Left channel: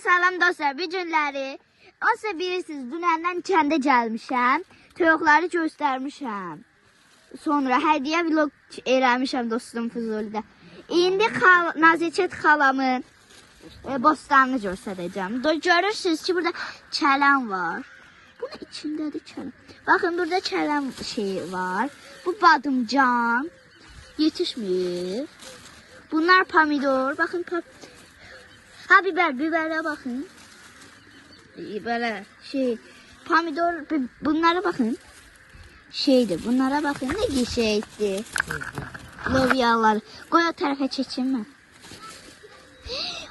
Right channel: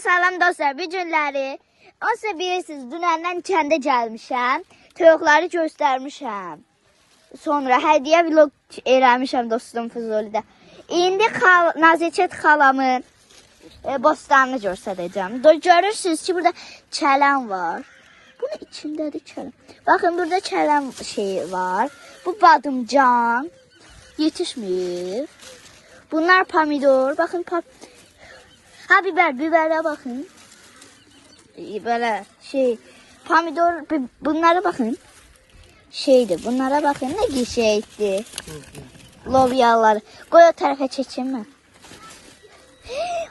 Salam dostlar, bu günləri size bilirsiniz, dünəndən kəndə gəlmişəm. Toyuqları göstərmişəm. Sonra hədiyyə vlog eləmişəm dostum Füzulidə. İndi Nazikət xalamın bostanını göstərəcəm. Görürsünüz ki, burada kələm var. Bunun içindədir kələm. Baxın, burada kələm şeyi var. Bu badımcan. Yetişmir. Bunlar pomidor. Baxın, biberə baxın. Böyle şey, pomidor, bunlara bakın. Şeydir, bunlara bakın, ne gişeydi. Lobyalar. Koy o tarafa çekeyim mi?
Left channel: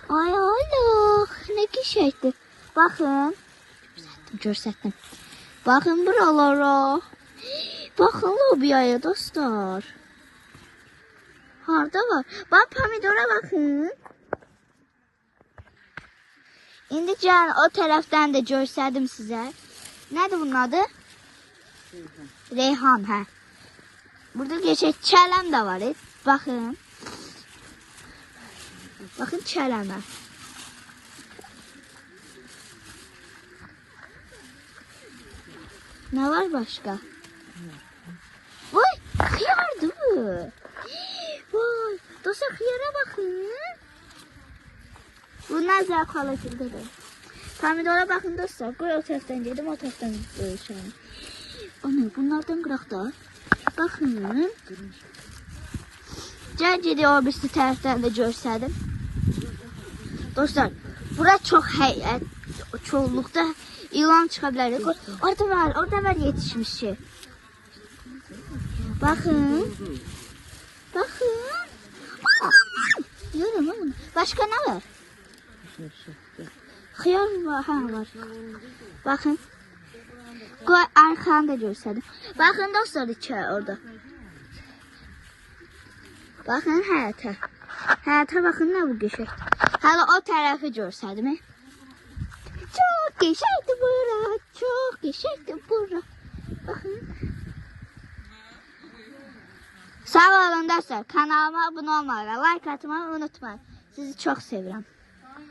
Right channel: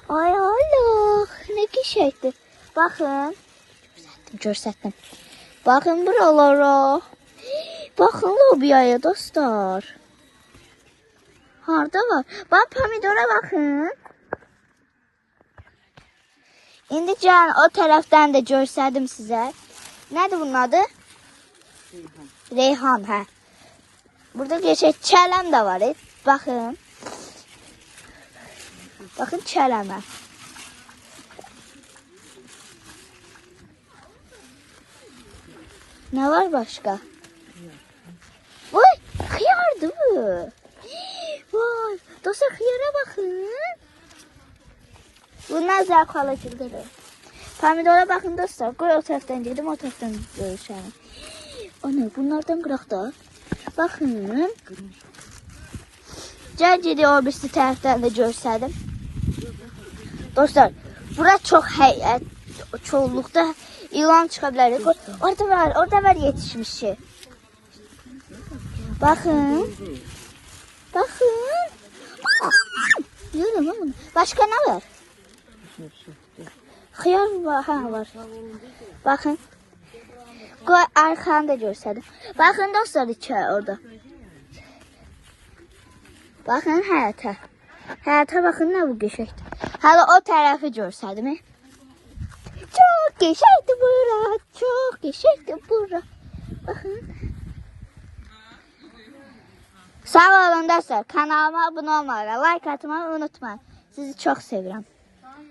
Ay Allah, ne gişeydi. Bakın. Gösterdim. Bakın buralara. Bakın lobyaya dostlar. Harda var? Bak pomidora bakın. İndi can o taraftan da gösterdim size. Nerede bunun adı? Reyhan. He. Burada geçecek çələm de var. Bakın. Bakın çələmə. Ne var başka? Vay, hıyardı bu. Vay, dostlar hıyara bakın. Bunlar zərxala kildidir. Pomidora baxın dostlar. Qoy o tərəfdən gedim, o tərəfdən görürsənəm. O ne? Bunlardan qıraq da. Baxın. Gəl gediyor o birisi tərəfdən də görsədim. Dostlar, bura çox həyət, çoğunluqda ilan çıxa bilər. Orada var yetişmiş şey. Baxın. Baxın. Görürüm ama. Başka ne var? Xiyar var, var. Bakın. Qoy arxanı da göstərdim. Baxın dostlar içə orada. Baxın həyətə. Həyətə baxın nə bu qəşəng. Hələ o tərəfi göstərdim. Çox qəşəngdir bura. Çox qəşəngdir bura. Baxın. Sağ olun dostlar. Kanalıma abunə olmağı, like atmayı unutmayın. Sizi çox sevirəm.